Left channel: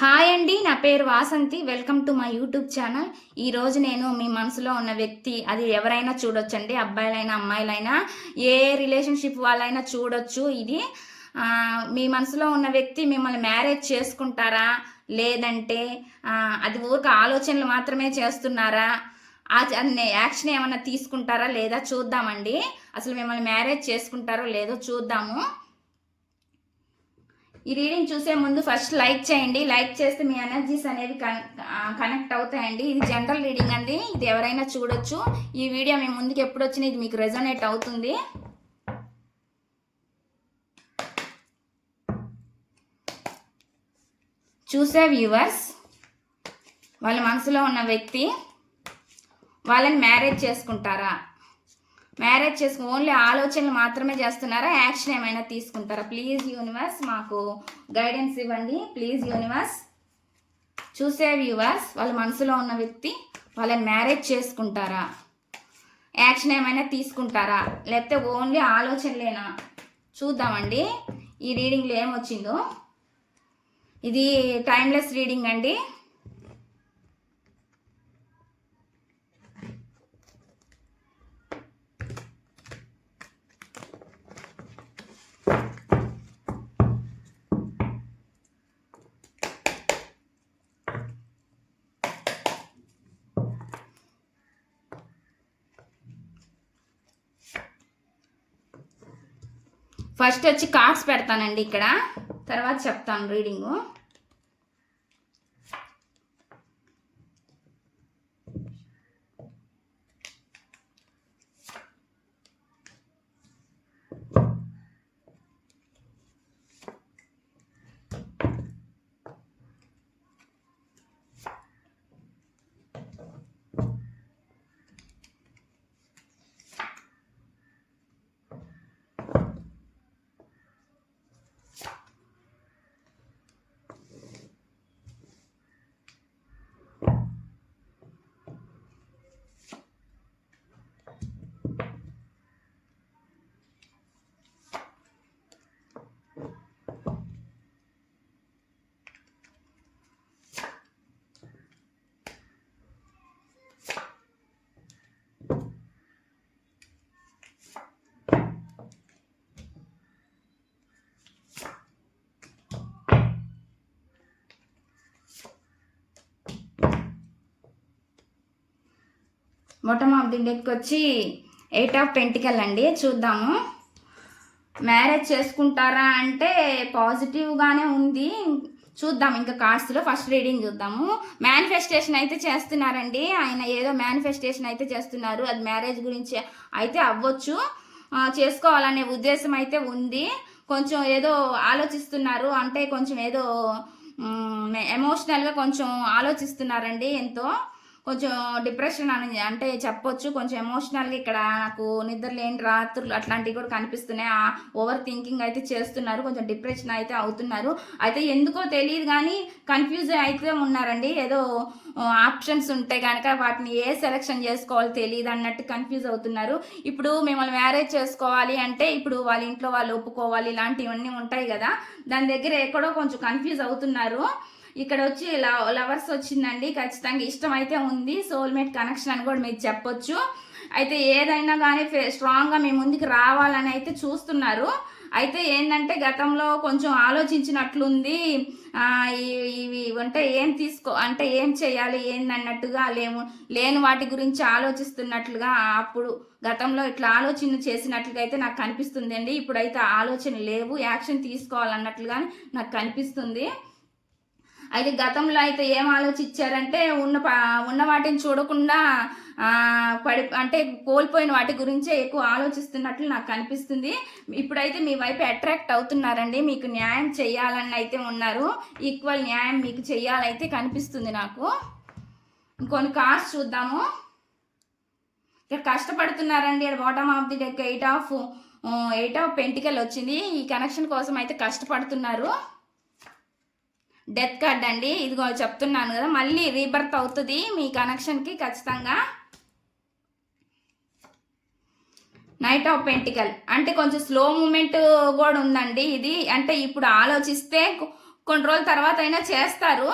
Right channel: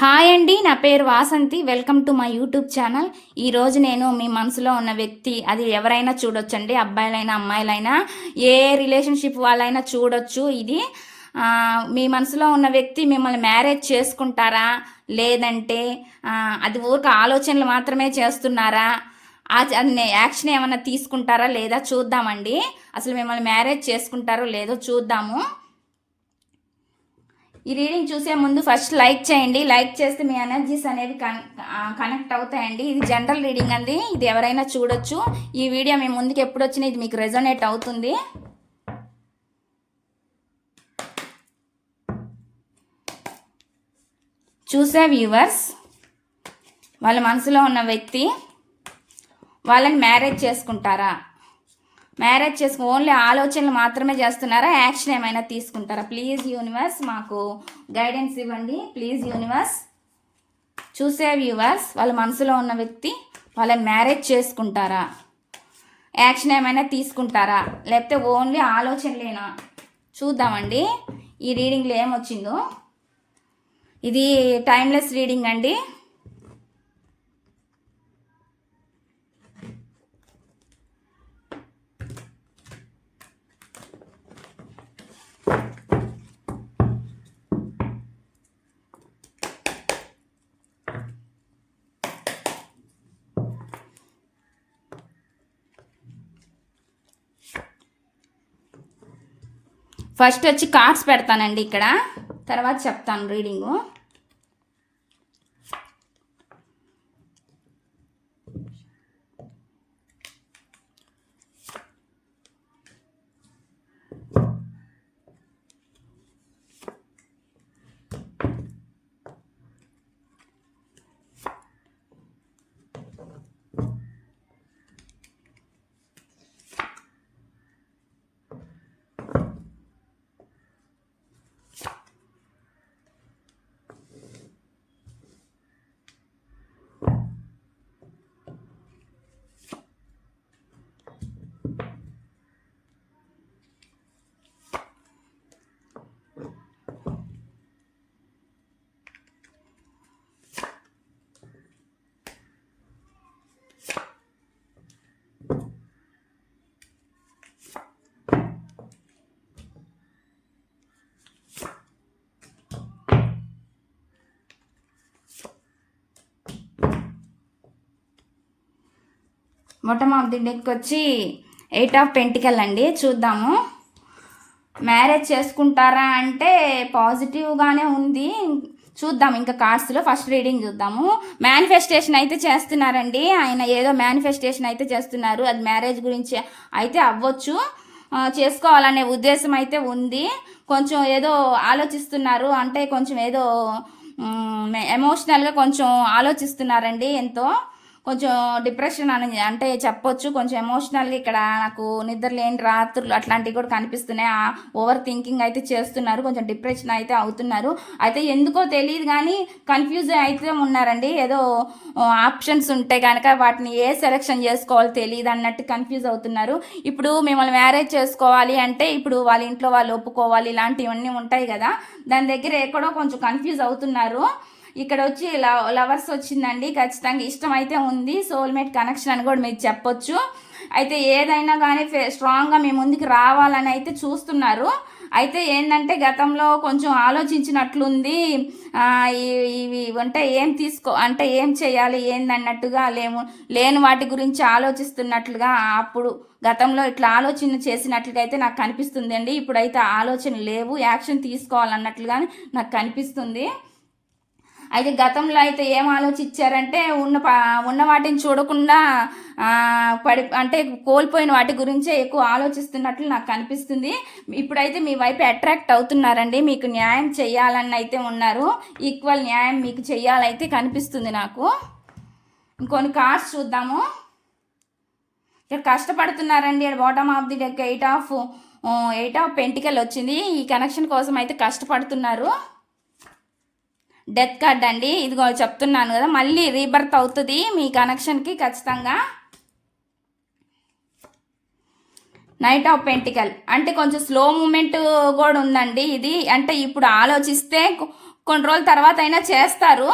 Hi అండి నా పేరు Vasanthi. Welcome to my YouTube channel. ఈరోజు నేను మీ మనసులో ఉన్న వ్యక్తి అది ఎవరైనా చూడొచ్చండి అబ్బాయిలైనా అమ్మాయిలైనా ఏ రిలేషన్షిప్ వాళ్ళైనా చూడొచ్చు. ఇది మీ మనసులో ఉన్న వ్యక్తి మిమ్మల్ని మ్యారేజ్ చేసుకుంటారా? లేదంటే అది ఊరికి ఆలోచనలు మాత్రమే చేస్తున్నారా? అది యాక్షన్ ఏమైనా తీసుకుంటారా లేదా చూద్దామండి. అసలు మిమ్మల్ని మ్యారేజ్ చేసుకుంటారో లేదో చూద్దాము. ఈ రీడింగ్ చూసే ముందు ఫస్ట్ లైక్ చేయండి. లైక్ చేస్తే మీ ఎనర్జీస్ అనేవి కనెక్ట్ uh, అవుతాయండి. ఇది జనరల్ రీడింగ్ అండి. ఇది ఎవరైనా చూడొచ్చు. ఈ వీడియో మీ ముందుకు ఎప్పుడు వచ్చినా ఇది మీకు రెజొనేట్ అవుతుంది. చూసే వ్యూవర్స్ వాళ్ళ మనసులో ఉన్న వ్యక్తి వాళ్ళని మ్యారేజ్ చేసుకుంటారా? మ్యారేజ్ చేసుకు ఓన్లీ ఆలోచనలు మాత్రమే చేస్తున్నారా? యాక్షన్ ఏమైనా తీసుకుంటారా? ప్లీజ్ యూనివర్స్ మాకు గైడెన్స్ ఇవ్వండి. ప్లీజ్ యూనివర్స్ చూసే వ్యూవర్స్ వాళ్ళ మనసులో ఉన్న వ్యక్తి వాళ్ళని మ్యారేజ్ చేసుకుంటారా? యాక్షన్ ఏమైనా తీసుకుంటారా? లేకపోతే ఓన్లీ ఆలోచనలేనా? చూద్దామండి. ఈ రీడింగ్లో ఏమొచ్చిందో? ఇది టైమ్లెస్ రీడింగ్ అండి. ఫస్ట్ వచ్చి కార్డ్స్ పెడతానండి ఇక్కడ. తర్వాత చెప్తాను reading bottom of the deck వచ్చి ఎయిట్ ఆఫ్ పెంటికల్ అండి చూద్దాము. మ్యారేజ్ చేసుకుంటారా అంటే పాజిటివ్గానే ఉంది. చూద్దాం ఇంకా కార్డ్స్లో ఫస్ట్ రీడింగ్ చూద్దాము. మేనిఫెస్టేషన్ అయితే చేస్తున్నారండి. ఆయన ఏదో మేనిఫెస్టేషన్ అయితే చేస్తున్నారు. అది మ్యారేజ్ గురించి అయితే అవ్వచ్చు. చేసుకోవాలనే ఉద్దేశం అయితే ఉంది. కొంచెం ఏదో ఆలోచిస్తున్నారు. అంటే కొంచెం ఏదో ఎమోషనల్గా కొంచెం ఆలోచిస్తున్నారండి ఎంతో. కొంచెం డిప్రెషన్ అని అంటే చెప్పొచ్చు కొంచెం ఎమోషనల్గా ఇక్కడ నాకు నిద్ర లేని రాత్రులు అట్లాంటివి కూడా కనిపిస్తున్నాయి. ఆ ఓవర్ థింకింగ్ అయితే చేస్తున్నారు కొంచెం డిప్రెషన్ అయితే అవుతున్నారు. అయితే ఎందుకో తెలియదు కానీ కన్ఫ్యూజ్ అయితే ఉన్నారండి. ఏదో ఆప్షన్స్ ఉంటే కనుక వాటిని ఏ సెలెక్షన్ చేసుకోవాలో తెలియదు అన్నట్టు కన్ఫ్యూజ్ అవుతున్నారు. ఇప్పుడు మిమ్మల్ని మ్యారేజ్ చేసుకోవాలి అంటే ఇప్పుడు వాళ్ళ ఇంట్లో వాళ్ళు ఒప్పుకోవాలి ఇలాంటివన్నీ ఉంటాయి కదా. దాని దగ్గర ఎక్కడో కొంచెం కన్ఫ్యూజ్ అవుతున్నారు. ఇక్కడ వచ్చి లవ్ లవర్స్ వచ్చిందండి ఖచ్చితంగా ఇష్టం అయితే ఉంది సోల్మేట్ కనెక్షన్ అని కూడా మీరు చెప్పొచ్చు. అయితే ఏదైనా కానీ స్ట్రాంగ్గా మీ ముందుకు రావాలని అయితే చూస్తున్నారు. అయితే ఏంటంటే గతంలో కొంచెం ఆలోచించినట్లుంది ఇవి అంటే ఏం తీసుకో అంటే ఏం చేయాలి ఏందన్నట్టుగా లేము లేని వాటి గురించి ఆలోచిస్తున్నట్లుగా అప్పుడు గతంలో ఇట్లా ఆలోచన చేసినట్లుగా అయితే నాకు కనిపిస్తుంది అండి ఇప్పుడైతే ఆలోచన లేవు యాక్షన్ తీసుకోవాలన్నట్లుగా నాకు కనిపిస్తుంది. అయితే గతంలో అయితే ఏం ఆలోచించారంటే ఉన్న ఉన్న వాటిని చూడకుండా పడి అంటే కోల్పోయిన వాటి గురించే ఎక్కువ ఆలోచిస్తున్నట్లు నాకు కనిపిస్తుంది. ఇప్పుడైతే మీ వైపు అట్రాక్ట్ అవుతున్నారండి. మీకు న్యాయం చేయాలని అయితే ఉన్నారు. ఈక్వల్ న్యాయం మీకు చేయాలైతే కనిపిస్తుంది నాకు. ఇంకొన్ని కార్డ్స్ చూద్దాము. ఇక్కడ కష్టపడుతున్నారండి. ఇక్కడ bottom of the deck eight of eight of pentacle వచ్చింది. ఈ కనెక్షన్ కోసం అయితే కష్టపడుతున్నారు. డెత్ కార్డ్ అండి. ఇదిగో చెప్తున్నాను కదా మళ్ళీ రీబర్త్ అవుతుంది మీ కనెక్షన్కి ఖచ్చితంగా. నైట్ ఆఫ్ పెంటికల్ అంటే కొంచెం స్లో మూమెంట్ కూడా ఉందండి ఇది. అంటే ఇప్పుడు ఆలోచిస్తే కొన్ని రోజుల తర్వాత అయినా చేస్తారు.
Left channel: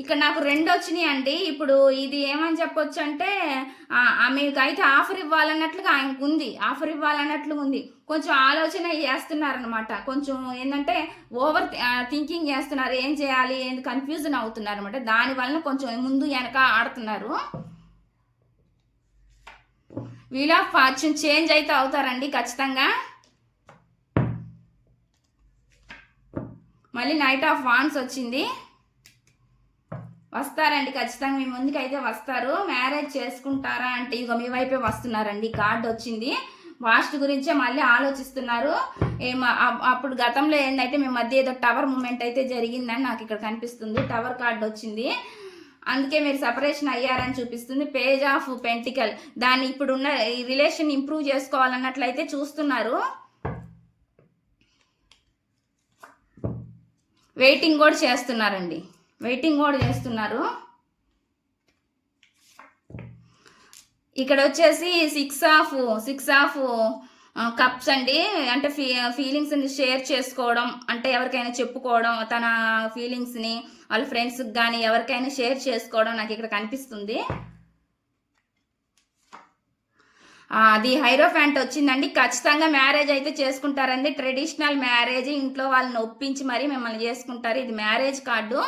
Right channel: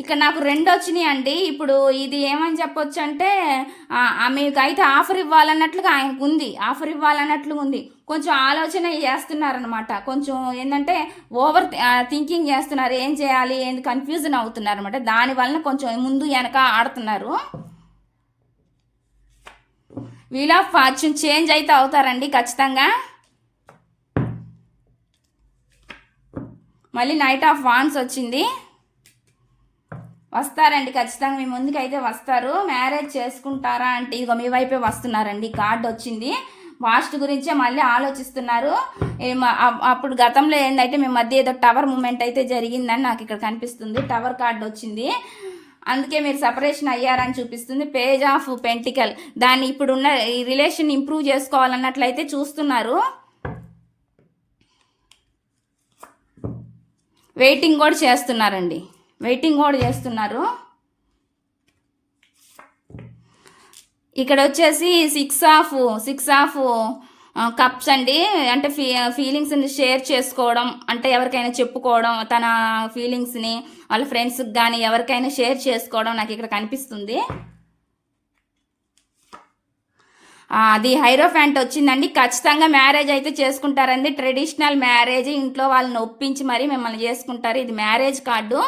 ఇక్కడ నాకు రెండు వచ్చినాయి అండి. ఇప్పుడు ఇది ఏమని చెప్పొచ్చు అంటే మీకు అయితే ఆఫర్ ఇవ్వాలన్నట్లుగా ఆయనకు ఉంది. ఆఫర్ ఇవ్వాలన్నట్లు ఉంది. కొంచెం ఆలోచన చేస్తున్నారనమాట కొంచెం ఏంటంటే ఓవర్ థింకింగ్ చేస్తున్నారు. ఏం చేయాలి? ఏం కన్ఫ్యూజన్ అవుతున్నారు అనమాట దాని వలన కొంచెం ముందు వెనక ఆడుతున్నారు. వీల్ ఆఫ్ ఫార్చ్యూన్ చేంజ్ అయితే అవుతారండి ఖచ్చితంగా. మళ్ళీ నైట్ ఆఫ్ వాన్స్ వచ్చింది. వస్తారండి ఖచ్చితంగా మీ ముందుకు అయితే వస్తారు. మ్యారేజ్ చేసుకుంటారా అంటే ఇదిగో మీ వైపే వస్తున్నారండి కార్డు వచ్చింది. వాస్ట్ గురించే మళ్ళీ ఆలోచిస్తున్నారు. అప్పుడు గతంలో ఏంటంటే మీ మధ్య ఏదో టవర్ మూమెంట్ అయితే జరిగిందని నాకు ఇక్కడ కనిపిస్తుంది. టవర్ కార్డు వచ్చింది. అందుకే మీరు సపరేషన్ అయ్యారని చూపిస్తుంది. Page of pentacle. దాన్ని ఇప్పుడున్న ఈ రిలేషన్ ఇంప్రూవ్ చేసుకోవాలన్నట్లయితే చూస్తున్నారు. వెయిటింగ్ కూడా చేస్తున్నారండి. వెయిటింగ్ కూడా చేస్తున్నారు. ఇక్కడ వచ్చేసి six of six of cups అండి. అంటే ఫీ ఫీలింగ్స్ని షేర్ చేసుకోవడం అంటే ఎవరికైనా చెప్పుకోవడం తన ఫీలింగ్స్ని వాళ్ళ ఫ్రెండ్స్కి కానీ ఎవరికైనా షేర్ చేసుకోవడం నాకు ఇక్కడ కనిపిస్తుంది. అది అది హైరోఫ్యాంట్ వచ్చిందండి. ఖచ్చితంగా మ్యారేజ్ అయితే చేసుకుంటారండి. ట్రెడిషనల్ మ్యారేజ్ ఇంట్లో వాళ్ళని ఒప్పించి మరీ మిమ్మల్ని చేసుకుంటారు. ఇది మ్యారేజ్ కార్డు.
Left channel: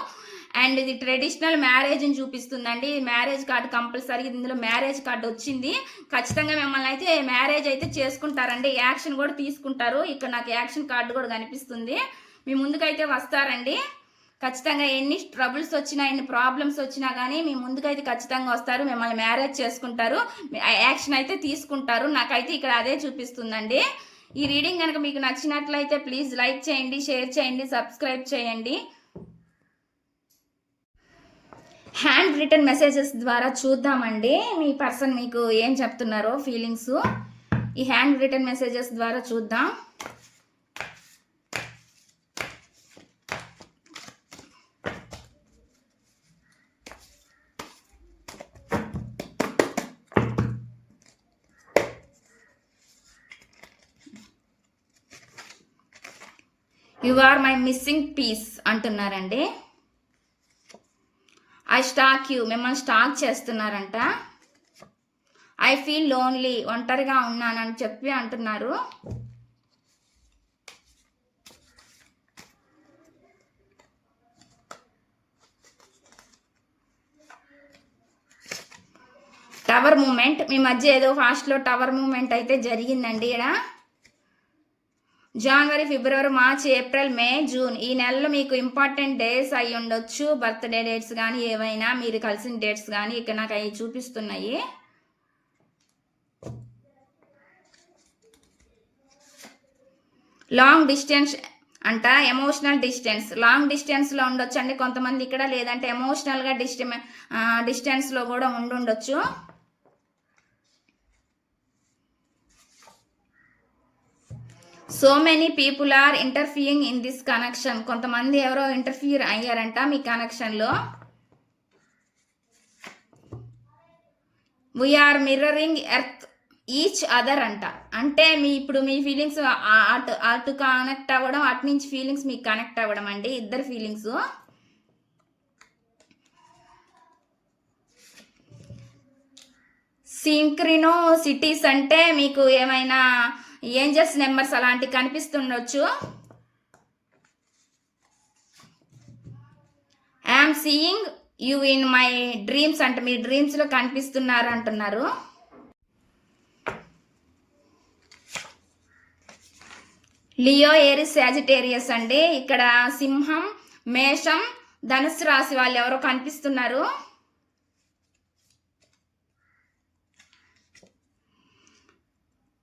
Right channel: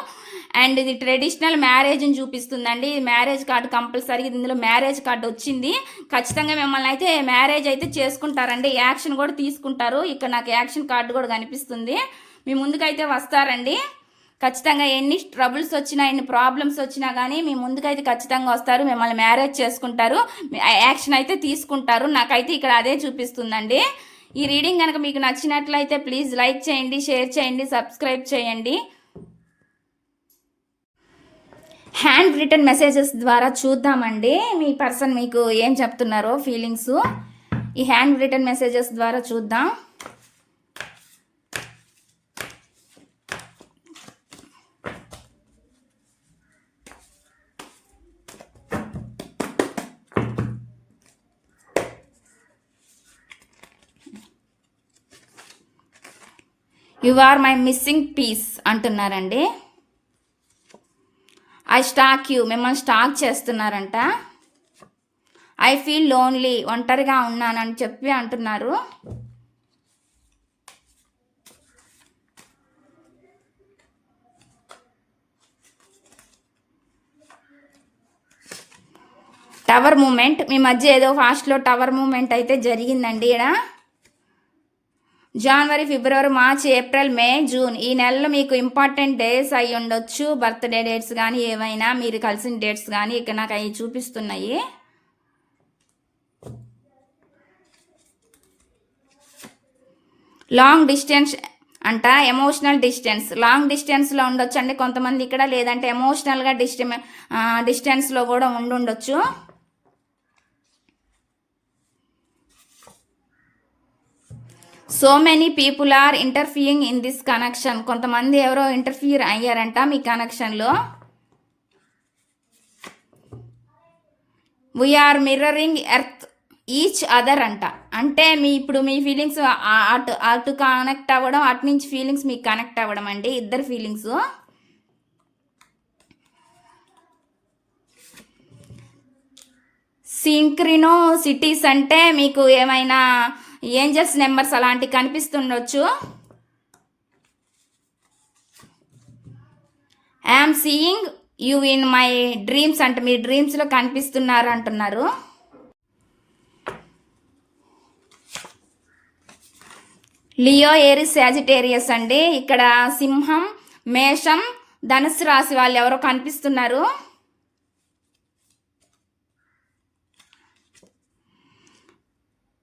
అండ్ ఇది ట్రెడిషనల్ మ్యారేజ్ని చూపిస్తుందండి. మ్యారేజ్ కార్డు కంపల్సరీ ఇందులో మ్యారేజ్ కార్డు వచ్చింది. ఖచ్చితంగా మిమ్మల్ని అయితే మ్యారేజ్ అయితే చేసుకుంటారండి. యాక్షన్ కూడా తీసుకుంటారు. ఇక్కడ నాకు యాక్షన్ కార్డు కూడా కనిపిస్తుంది. మీ ముందుకైతే వస్తారండి. ఖచ్చితంగా ఎన్ని ట్రబుల్స్ వచ్చినా ఎన్ని ప్రాబ్లమ్స్ వచ్చినా కానీ మీ ముందుకైతే ఖచ్చితంగా వస్తారు. మిమ్మల్ని మ్యారేజ్ చేసుకుంటారు. యాక్షన్ అయితే తీసుకుంటారు. నాకైతే ఇక్కడ అదే చూపిస్తుందండి. ఈ రీడింగ్ కనుక మీకు నచ్చినట్లయితే ప్లీజ్ లైక్ చేయండి షేర్ చేయండి సబ్స్క్రైబ్ చేయండి. హ్యాండ్ రిటర్న్ మెసేజెస్ ద్వారా చూద్దామండి. మీ పర్సన్ మీకు ఏం చెప్తున్నారో ఫీలింగ్స్. ఈ హ్యాండ్ రిటర్న్ మెసేజెస్ ద్వారా చూద్దాం. You are my missing piece అంటున్నారండి. ఐ స్టాక్ యూ మిమ్మల్ని స్టాక్ చేస్తున్నారంట. ఐ ఫీల్ లోన్లీ ఒంటరిగా ఉన్నానని చెప్పి అంటున్నారు. టవర్ మూమెంట్ మీ మధ్య ఏదో ఫాస్ట్లో టవర్ మూమెంట్ అయితే జరిగిందండి ఇక్కడ జనవరి ఫిబ్రవరి మార్చ్ ఏప్రిల్ మే జూన్ ఈ నెలలో మీకు ఇంపార్టెంట్ డేస్ అయి ఉండొచ్చు. బర్త్డే డేట్స్ కానీ ఏవైనా మీరు కలిసిన డేట్స్ కానీ ఇక్కడ నాకు అవి చూపిస్తున్నాయి. లాంగ్ డిస్టెన్స్ అంట ఎమోషనల్ డిస్టెన్స్ లాంగ్ డిస్టెన్స్లో ఉండొచ్చు అండి కొంతమంది ఇక్కడ లేదంటే ఎమోషనల్గా డిస్టె డిస్టెన్స్లో కూడా ఉండుండొచ్చు. So many people are interfering in this connection కొంతమంది ఎవరో ఇంటర్ఫియర్ అయ్యారంట మీ కనెక్షన్లో we're mirroring earth each other అంట. అంటే మీ ఇప్పుడు మీ ఫీలింగ్స్ అటు అటు కనెక్ట్ అవ్వడం అటు నుంచి ఫీలింగ్స్ మీకు కనెక్ట్ అవ్వడం అండి. ఇద్దరు ఫీలింగ్స్ సింక్రినో సిటీస్ అంటే మీకు ఏమైనా ఏంజల్స్ నెంబర్స్ అలాంటివి కనిపిస్తుండొచ్చు. I'm seeing you in my dreams అంటే మీ డ్రీమ్స్లో కనిపిస్తున్నారు అంటున్నారు. లియో ఏరిస్ సాజిటేరియస్ అండి. ఇక్కడ సింహం మేషం ధనుసు రాశి వాళ్ళు ఎవరో కనిపిస్తున్నారు.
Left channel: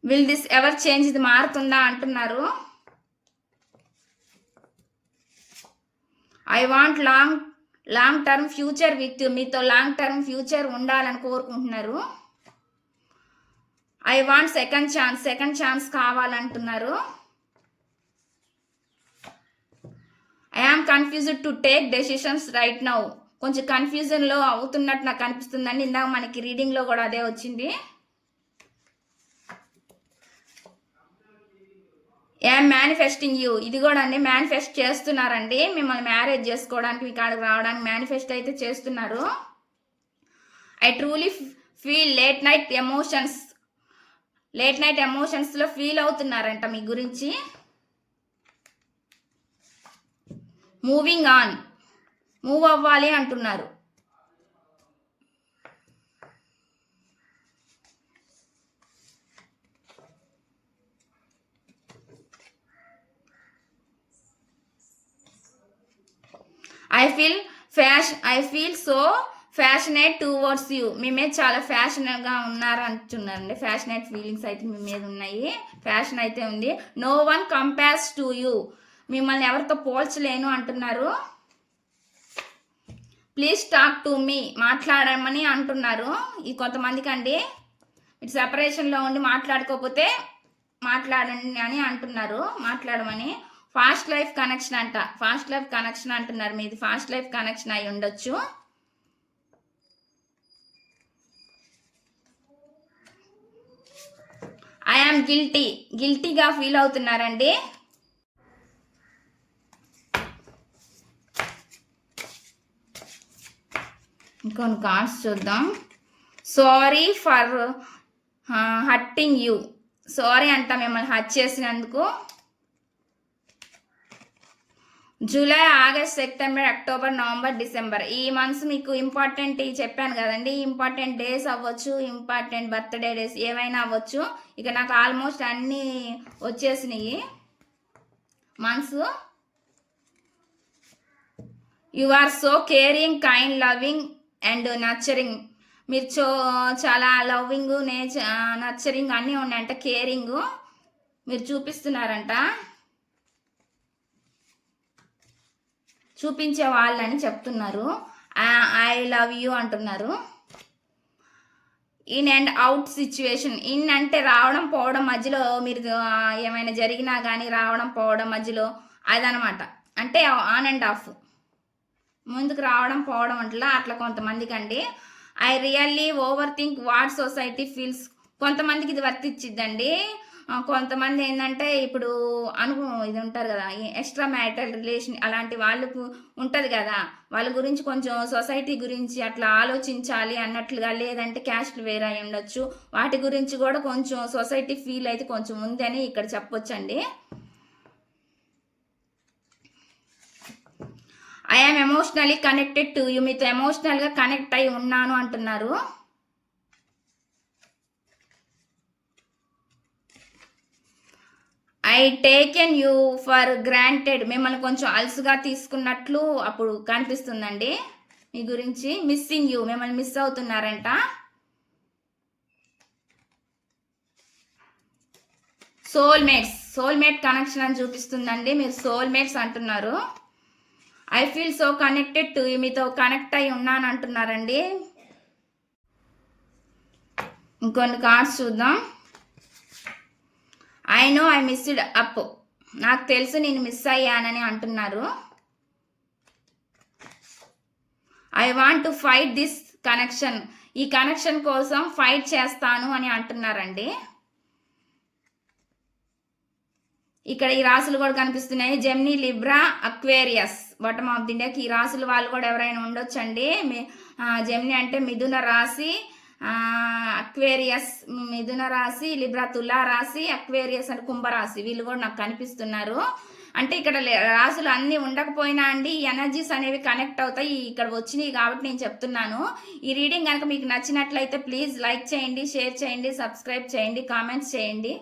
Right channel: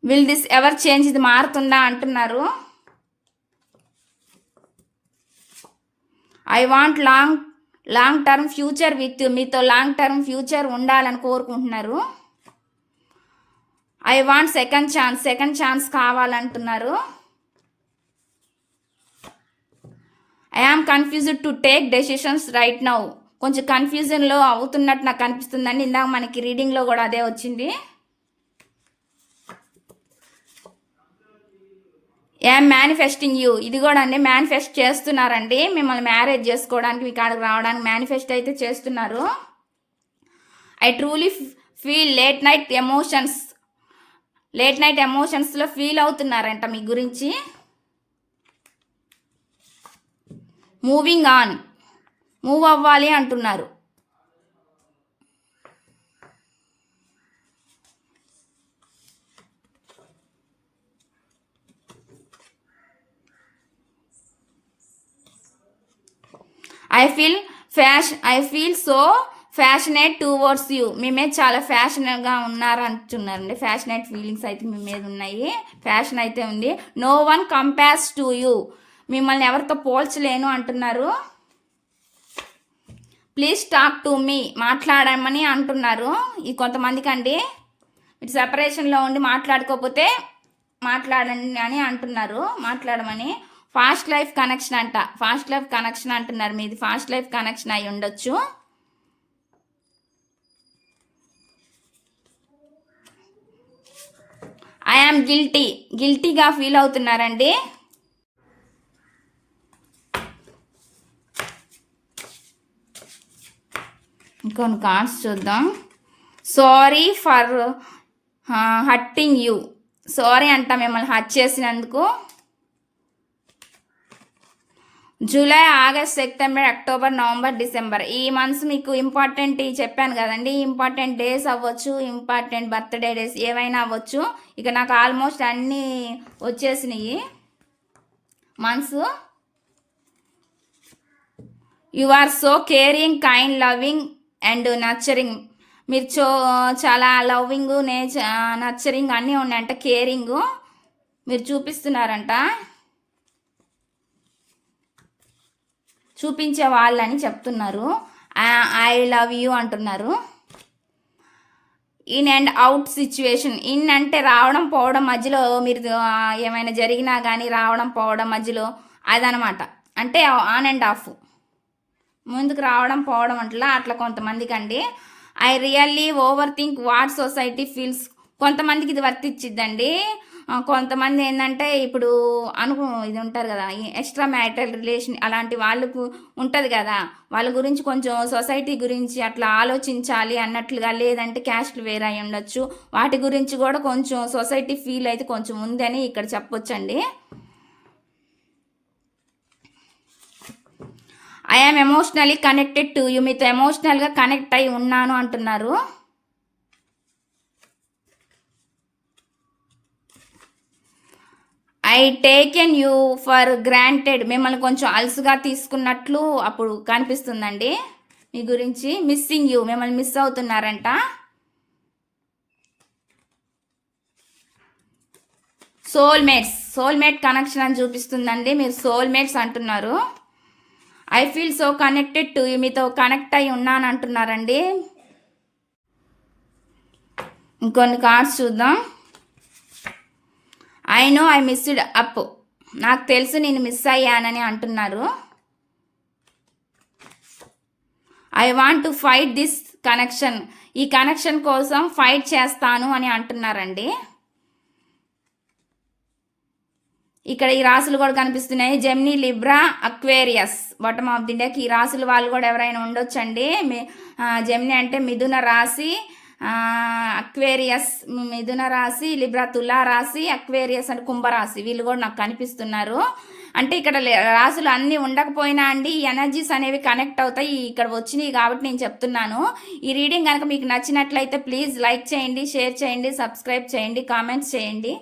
విల్ దిస్ ఎవర్ చేంజ్ ఇది మారుతుందా అంటున్నారు. I want long long term future with మీతో లాంగ్ టర్మ్ ఫ్యూచర్ ఉండాలని కోరుకుంటున్నారు. I want second chance second chance కావాలంటున్నారు. I am confused to take decisions right now కొంచెం కన్ఫ్యూజన్లో అవుతున్నట్టు నాకు అనిపిస్తుందండి ఇందాక మనకి రీడింగ్లో కూడా అదే వచ్చింది. ఏం మేనిఫెస్టింగ్ యూ ఇది కూడా అండి. మేనిఫెస్ట్ చేస్తున్నారండి. మిమ్మల్ని మ్యారేజ్ చేసుకోవడానికి మీ కాడికి రావడానికి మేనిఫెస్ట్ అయితే చేస్తున్నారు. I truly feel late night emotions late night ఎమోషన్స్లో feel అవుతున్నారంట మీ గురించి. మూవింగ్ ఆన్ మూవ్ అవ్వాలి అంటున్నారు. I feel passion I feel so passionate towards you మీ మీద చాలా ఫ్యాషన్గా ఉన్నారు అంటున్నారండి ఫ్యాషనేట్ ఫీలింగ్స్ అయితే మీ మీద ఉన్నాయి. ఫ్యాషన్ అయితే ఉంది. No one compares to you మిమ్మల్ని ఎవరితో పోల్చలేను అంటున్నారు. ప్లీజ్ టాక్ టు మీ మాట్లాడమని అంటున్నారు. ఈ కొంతమందికి అండి మీరు సెపరేషన్లో ఉండి మాట్లాడుకోకపోతే మాట్లాడండి అని అంటున్నారు. మాట్లాడమని. ఫాస్ట్ లైఫ్ కనెక్షన్ అంట. ఫాస్ట్ లైఫ్ కనెక్షన్ అంటున్నారు మీది. ఫాస్ట్ లైఫ్ కనెక్షన్ అయి ఉండొచ్చు. ఐఆమ్ గిల్టీ గిల్టీగా ఫీల్ అవుతున్నారండి. ఇంకొన్ని కార్డ్స్ చూద్దాం. Sorry for hurting you sorry అంట మిమ్మల్ని హట్ చేసినందుకు. July August September October November December. ఈ మంత్స్ మీకు ఇంపార్టెంట్ చెప్పాను కదండి. ఇంపార్టెంట్ డేస్ అవ్వచ్చు ఇంపార్టెంట్ బర్త్డే డేస్ ఏవైనా అవ్వచ్చు. ఇక నాకు ఆల్మోస్ట్ అన్నీ వచ్చేసినాయి. Months you are so caring kind loving and nurturing మీరు చో చాలా లవింగ్ నేచ నర్చరింగ్ అన్నీ ఉన్నాయంట కేరింగ్. మీరు చూపిస్తున్నారంట. చూపించే వాళ్ళని చెప్తున్నారు. ఐ లవ్ యూ అంటున్నారు. In and out situation in అంటే రావడం పోవడం మధ్యలో మీరు ఏమైనా జరిగినా కానీ రావడం పోవడం మధ్యలో అదనమాట. అంటే ఆన్ అండ్ ఆఫ్ ముందుకు రావడం పోవడం అట్లా అట్లా కొంతమందికి అండి. I really overthink what society feels కొంతమందికి ఇది వర్తిచ్చిద్దండి. కొంతమంది ఏంటంటే ఇప్పుడు అను ఇది ఉంటారు కదా ఎక్స్ట్రా మ్యారిటల్ రిలేషన్ అలాంటి వాళ్ళకు ఉంటుంది కదా వాళ్ళ గురించి కొంచెం సొసైటీ గురించి అట్లా ఆలోచించాలి అన్నట్లుగా లేదంటే క్యాస్ట్లు వేరే అయి ఉండొచ్చు. వాటి గురించి కూడా కొంచెం సొసైటీ ఫీల్ అయితే కొంచెం ఉందని ఇక్కడ చెప్పొచ్చండి. I am emotionally connected to you మీతో ఎమోషనల్గా కనెక్ట్ అయి ఉన్నాను అంటున్నారు. I taken you for granted మిమ్మల్ని కొంచెం అలసుగా తీసుకున్నట్లు అప్పుడు కనిపిస్తుందండి. మీ గురించి మిస్సింగ్ యూ మిమ్మల్ని మిస్ అవుతున్నారంట. సోల్మేట్స్ సోల్మేట్ కనెక్షన్ అని చూపిస్తుందండి. మీరు సోల్మేట్స్ అంటున్నారు. I feel so connected to మీతో కనెక్ట్ అయి ఉన్నాను అంటున్నారండి. ఇంకొన్ని కార్డ్స్ చూద్దాం. I know I missed up నాకు తెలుసు నేను మిస్ అయ్యానని అంటున్నారు. I want to fight this connection ఈ కనెక్షన్ కోసం ఫైట్ చేస్తాను అని అంటున్నారండి. ఇక్కడ ఈ రాసులు కూడా కనిపిస్తున్నాయి. Gemini Libra Aquarius bottom of the deck ఈ రాసులు వాళ్ళు కూడా ఎవరైనా ఉండొచ్చండి. మీ- అంటే మిథున రాశి. అక్వేరియస్ మిథున రాశి లిబ్రా తులా రాశి అక్వేరియస్ అంటే కుంభరాశి వీళ్ళు కూడా నాకు కనిపిస్తున్నారు. అంటే ఇక్కడ లే- రాసులు అన్నీ ఉండకపోయినా అండి ఎనర్జీస్ అనేవి కనెక్ట్ అవుతాయి. ఇక్కడ వచ్చినాయి కాబట్టి నేను చెప్తున్నాను. ఈ రీడింగ్ కనుక మీకు నచ్చినట్లయితే ప్లీజ్ లైక్ చేయండి షేర్ చేయండి సబ్స్క్రైబ్ చేయండి కామెంట్స్ చేయండి.